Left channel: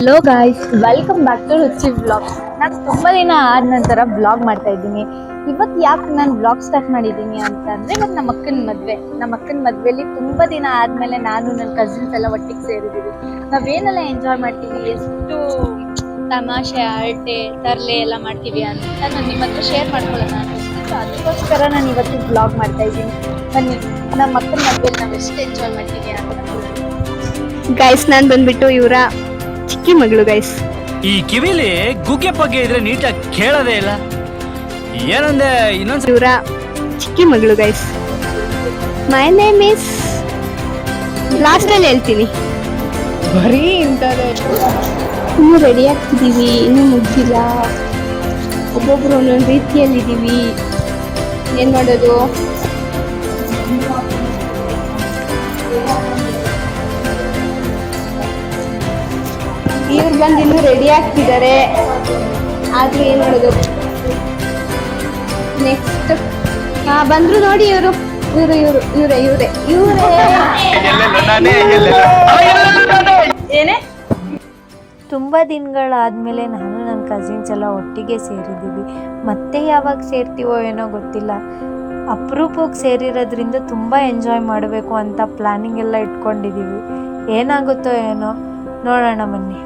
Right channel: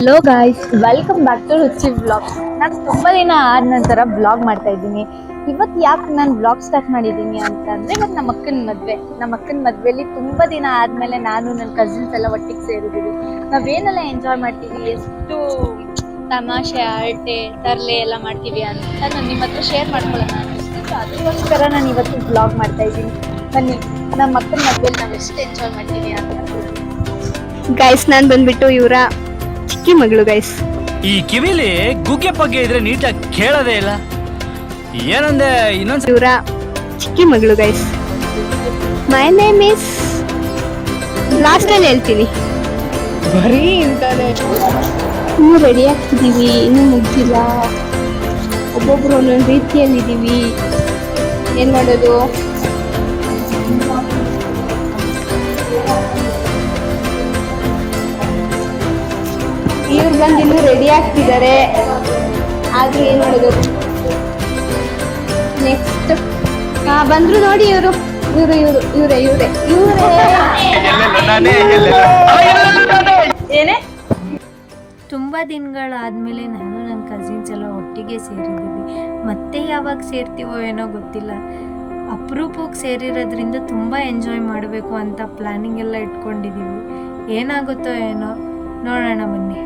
Hello guys, welcome back to Ruchi vlogs. ನಾನು ತುಂಬ ದಿನ ಆದ ನಂತರ ವ್ಲಾಗ್ ಮಾಡ್ತಾ ಇದ್ದೀನಿ. ಇವತ್ತು ಯಾಕೆ ನಾನು ವ್ಲಾಗ್ ಸ್ಟಾರ್ಟ್ ಮಾಡಿದ್ದೀನಿ ಅಂತಂದರೆ, ಇವತ್ತು ನಮ್ಮ ಅಕ್ಕನ ಮದುವೆಲಿ ತುಂಬ ದಿನ ಆದಮೇಲೆ ನಾನು ನನ್ನ ಕಸಿನ್ಸ್ ಎಲ್ಲ ಒಟ್ಟಿಗೆ ಸೇರಿದ್ದೀವಿ. ನಾವೇನೆಲ್ಲ ಎಂಜಾಯ್ ಮಾಡ್ತೀವಿ, ಎಷ್ಟು ತಮಾಷೆ ಹರಟೆ ತರಲೆ ಎಲ್ಲ ಮಾಡ್ತೀವಿ ಅಂತ ನಾನು ನಿಮ್ಮ ಹತ್ರ ಶೇರ್ ಮಾಡ್ಕೊಳ್ಳೋಣ ಅನ್ನಿಸ್ತಿತ್ತು. ಅದಕ್ಕೋಸ್ಕರ ನಾನು ಇವತ್ತು ವ್ಲಾಗ್ ಮಾಡ್ತಾ ಇದ್ದೀನಿ. ಬನ್ನಿ, ನಮ್ಮ ಅಕ್ಕನ ಮದುವೆಲಿ ನಾವು ಎಷ್ಟು ಎಂಜಾಯ್ ಮಾಡ್ತೀವಿ ಅಂತ. ಗೈಸ್, ನಾನು ಬಂದ್ಬಿಟ್ಟು ಇವರ ಚಿಕ್ಕಿ ಮಗಳು ಗೈಸ್. ಈ ಕಿವಿಲಿ ಗುಗ್ಗೆ ಪಗ್ಗೆ ಇದ್ರೆ ನೀಟಾಗಿ ಕೇಳೋದೇ ಇಲ್ಲ. ಏನಂದೆ ಇನ್ನೊಂದ್ಸ ಇವರ ಚಿಕ್ಕಿ ಮಗಳು guys. My name is last ಅಲ್ಲಿ ಹೇಳ್ತೀನಿ. ಬರೀ ಇಂಥದ್ದೇ. ಇನ್ನು ರೆಡಿ ಆಗ್ತಿದೀವಿ, ಇನ್ನೂ ಮುಗ್ದಿಲ್ಲ. ಒಬ್ಬೊಬ್ರು ಒಂದೊಂದು ರೀತಿಯಲ್ಲಿದ್ದೀವಿ. ಏನ್ ಮಾಡೋದು? ಇವ್ರು ಬಂದು ಇನ್ನೂ ರೆಡಿ ಆಗ್ತಿದ್ದಾರೆ, ಆದ್ರೂ ಏನ್ ಮಾಡೋದು. ನೆಕ್ಸ್ಟ್ ಬಂದ್ರು ನೋಡಿ ಇವರು ಇವರೇ ಏನೇ. ತುಂಬ ದಿನಗಳಾದಮೇಲೆ ನಾನು ನನ್ನ ಕಸಿನ್ಸ್ ಎಲ್ಲ ಒಟ್ಟಿಗೆ ಸೇರಿದ್ದೀವಿ. ಮತ್ತೆ ಯಾವಾಗ ಸೇರ್ತೀವೋ ಏನೋ ಗೊತ್ತಿಲ್ಲ. ಅಪರೂಪಕ್ಕೆ ಸೇರಿರೋದ್ರಿಂದ ತುಂಬ ಎಂಜಾಯ್ ಮಾಡಬೇಕು ಅಂತ ಪ್ಲ್ಯಾನಿಂಗ್ ಎಲ್ಲ ಇಟ್ಕೊಂಡಿದ್ದೀವಿ. ಏನಾಗುತ್ತೋ ಏನೋ ನೋಡೋಣ, ಬನ್ನಿ.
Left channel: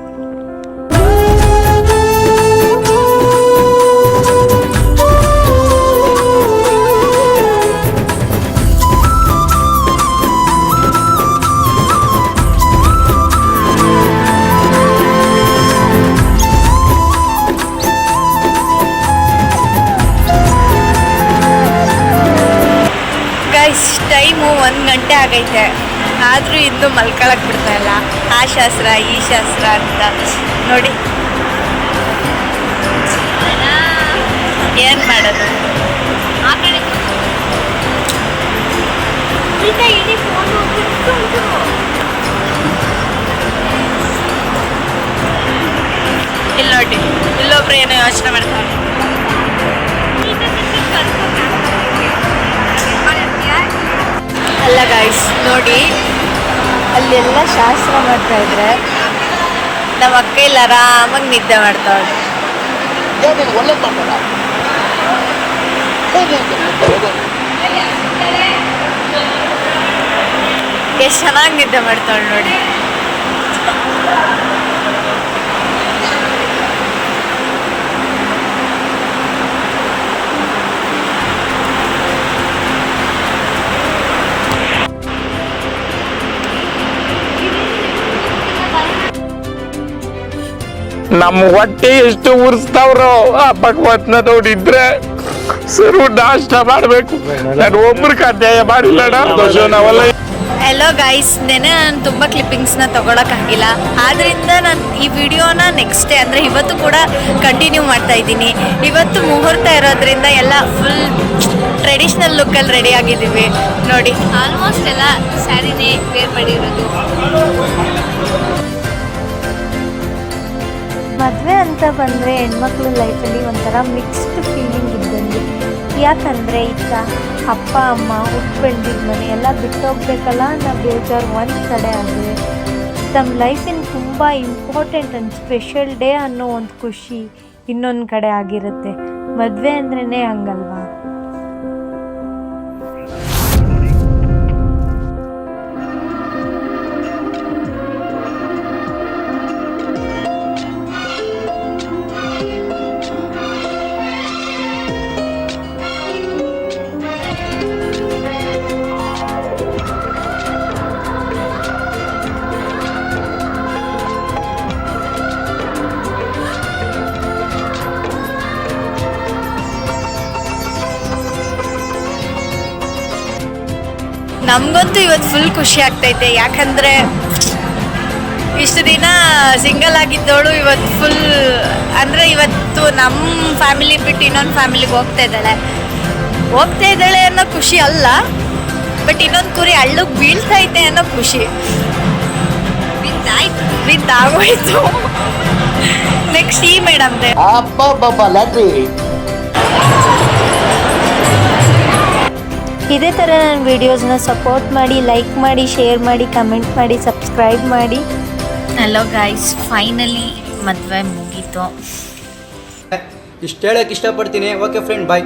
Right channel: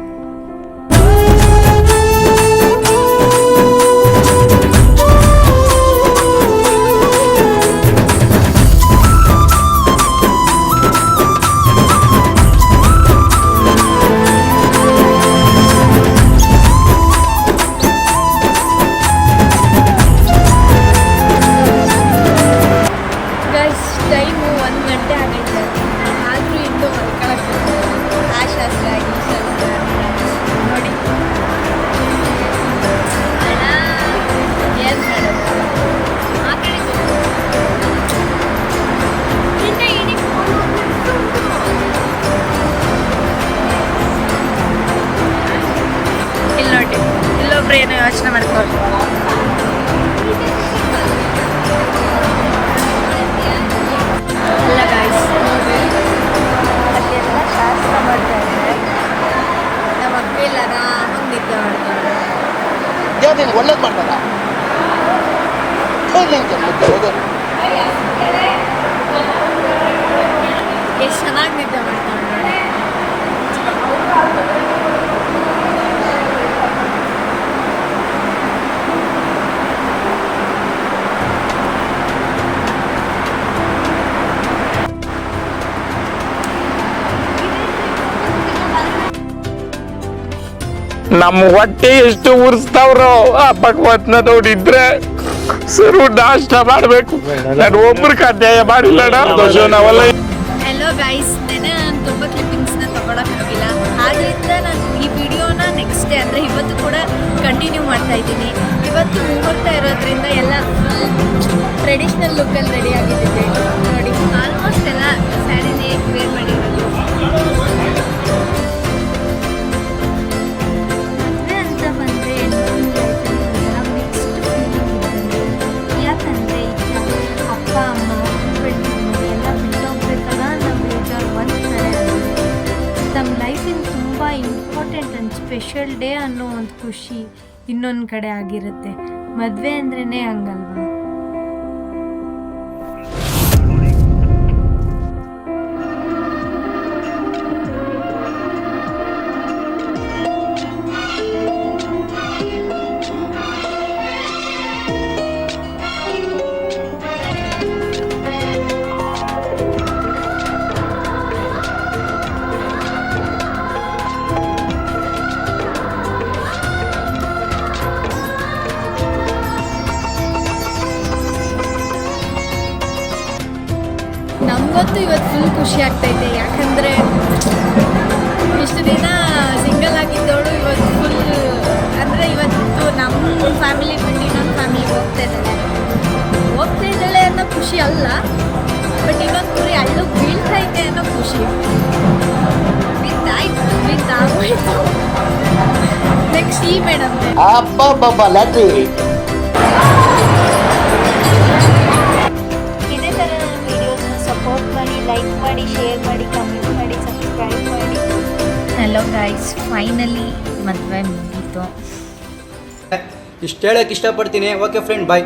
ಟೈಮು 1 ಗಂಟೆ ಆಗೈತೆ, ಆದರೂ ಇನ್ನೂ ಮಲ್ಕೊಳಕ್ಕೆ ಬಿಡ್ತಾ ಇಲ್ಲ. ಆ ಶಾಸ್ತ್ರ ಈ ಶಾಸ್ತ್ರ ಅಂತ ನೋಡಿ. ಏನು ಮಾಡೋದು? ಆ ಕಡೆ ಇಲ್ಲಿ ನೋಡಿ, ಇಲ್ಲೊಬ್ರು ಏನೋ ಯೋಚನೆ ಮಾಡ್ತಾರೆ. ಅಲ್ಲ ಗಾಯ್ಸ್, ನೋಡಿ ಅಲ್ಲೆಲ್ಲ ಶಾಸ್ತ್ರ ಮಾಡ್ತಾ ಇದ್ದಾರೆ. ನಮ್ಮ ಅಕ್ಕ ಇಲ್ಲ ಆರಾಮಾಗಿ ನಿದ್ದೆ ಮಾಡ್ತಾವಳೆ. ಒಳ್ಳೇದು ಮಾಡ್ತಾರ. ಎಷ್ಟು ಚೆನ್ನಾಗಿ ನಿದ್ದೆ ಮಾಡ್ತಾವಳೆ ನೋಡಿ. ನಮ್ಮ ಹೊಟ್ಟೆ ಎಷ್ಟು ಉರ್ಸ್ತಾವ್ರೋ ಆ ಭಗವತ್ನ ನೋಡಿದ್ರೆ ಸರು ನಾಷ್ಟ ಮಾಡ್ಬೇಕು. ನಾನು ಒಬ್ರಿಗೆ ಅನ್ಯಾಯ ಮಾಡಿಲ್ಲ ನಾವೆಲ್ಲ. ಹೆಲೋ ಗೈಸ್, ನೆನೆ ನಾನು ತುಂಬ ಕ್ಲಿಪ್ಪಿಂಗ್ಸ್ನ ತೊಗೊಳಕ್ಕಾಗಿಲ್ಲ. ಆದ್ದರಿಂದ ನಾನು ಈ ವಿಡಿಯೋನ ನೆಕ್ಸ್ಟ್ ಡೇ ಅಂದರೆ ಇವತ್ತು ಕೂಡ ಕಂಟಿನ್ಯೂ ಮಾಡ್ತಾ ಇದ್ದೀನಿ. ಇವತ್ತು ಮುಹೂರ್ತ ಇರೋದ್ರಿಂದ ಎಲ್ಲ ಫುಲ್ ಟ್ರೆಡಿಷ್ನಲ್ ಲುಕ್ಕಲ್ಲಿ ರೆಡಿ ಆಗಿದ್ದೀವಿ ನೋಡಿ. ಆಲ್ಮೋಸ್ಟ್ ಎಲ್ಲ ಸ್ಯಾರಿನೇ ವೇರ್ ಮಾಡಿರೋದು. ಮದುವೆ ಅಂತ ಬಂದರೆ ಹೆಣ್ಮಕ್ಳ ಲೈಫಲ್ಲಿ ಒಂಥರ ಮಿಕ್ಸ್ಡ್ ಫೀಲಿಂಗ್ ಇದ್ದಂಗೆ. ಯಾಕಂದರೆ ಈಗ ಅಪ್ಪ ಅಮ್ಮ ಹುಟ್ಟು ಬೆಳೆದಿದ್ದ ಮನೆ ಎಲ್ಲ ಬಿಟ್ಟೋಗ್ಬೇಕಲ್ಲ ಅನ್ನೋ ಬೇಜಾರು ಒಂದು ಕಡೆ ಆದರೆ, ತಮ್ಮ ಲೈಫಿನ ತುಂಬ ಇಂಪಾರ್ಟೆಂಟ್ ಆ್ಯಂಡ್ ಸ್ಪೆಷಲ್ ಡೇ ಅನ್ನೋ ಒಂದು ಖುಷಿ ಇನ್ನೊಂದು ಕಡೆ ಆಗಿರುತ್ತೆ. ಮದುವೆ ಅಂದ್ರೇ ಹಂಗಲ್ವಾ? ನಮಗಂತೂ ಇವತ್ತು ಫುಲ್ ಖುಷಿ ಆಗ್ತೈತೆ. ಯಾಕಂದರೆ ಇಷ್ಟು ದಿನ ಸಿಂಗಲ್ ಆಗಿದ್ದವಳು ಇವತ್ತು ಫುಲ್ ಅಂದರೆ ಇವತ್ತು ನಮ್ಮ ಫ್ಯಾಮಿಲಿ ಬಿಟ್ಟು ಇನ್ನೊಂದು ಫ್ಯಾಮಿಲಿಗೆ ಹೋಗ್ತಾ ಇದ್ದಾಳೆ ಅನ್ನೋ ಖುಷಿ ಅಲ್ಲ, ಬಟ್ ಇನ್ನೊಂದು ಕುರಿ ಹಳ್ಳಕ್ಕೆ ಬೀಳ್ತೈತೆ ಅನ್ನೋ ಖುಷಿ. ಬಿದ್ದಾಗೋಯ್ತು. ನೆಕ್ಸ್ಟ್ ಈ ಮೇಡಮ್ದೆ ಇದೇ ಥರ ನನ್ನ ವೀಡಿಯೋಸ್ನ ಸಪೋರ್ಟ್ ಮಾಡಿ, ಲೈಕ್ ಮಾಡಿ, ಶೇರ್ ಮಾಡಿ, ಕಮೆಂಟ್ ಮಾಡಿ, ಸಬ್ಸ್ಕ್ರೈಬ್ ಮಾಡಿ. ಹಲೋ ಗೈಸ್, ಫೈನಲಿ ಮದುವೆ ಮುಗೀತು. ಇಷ್ಟು ಹೇಳಕ್ಕೆ ಇಷ್ಟಪಡ್ತೀನಿ. ಓಕೆ ಫ್ರೆಂಡ್, ಬಾಯ್.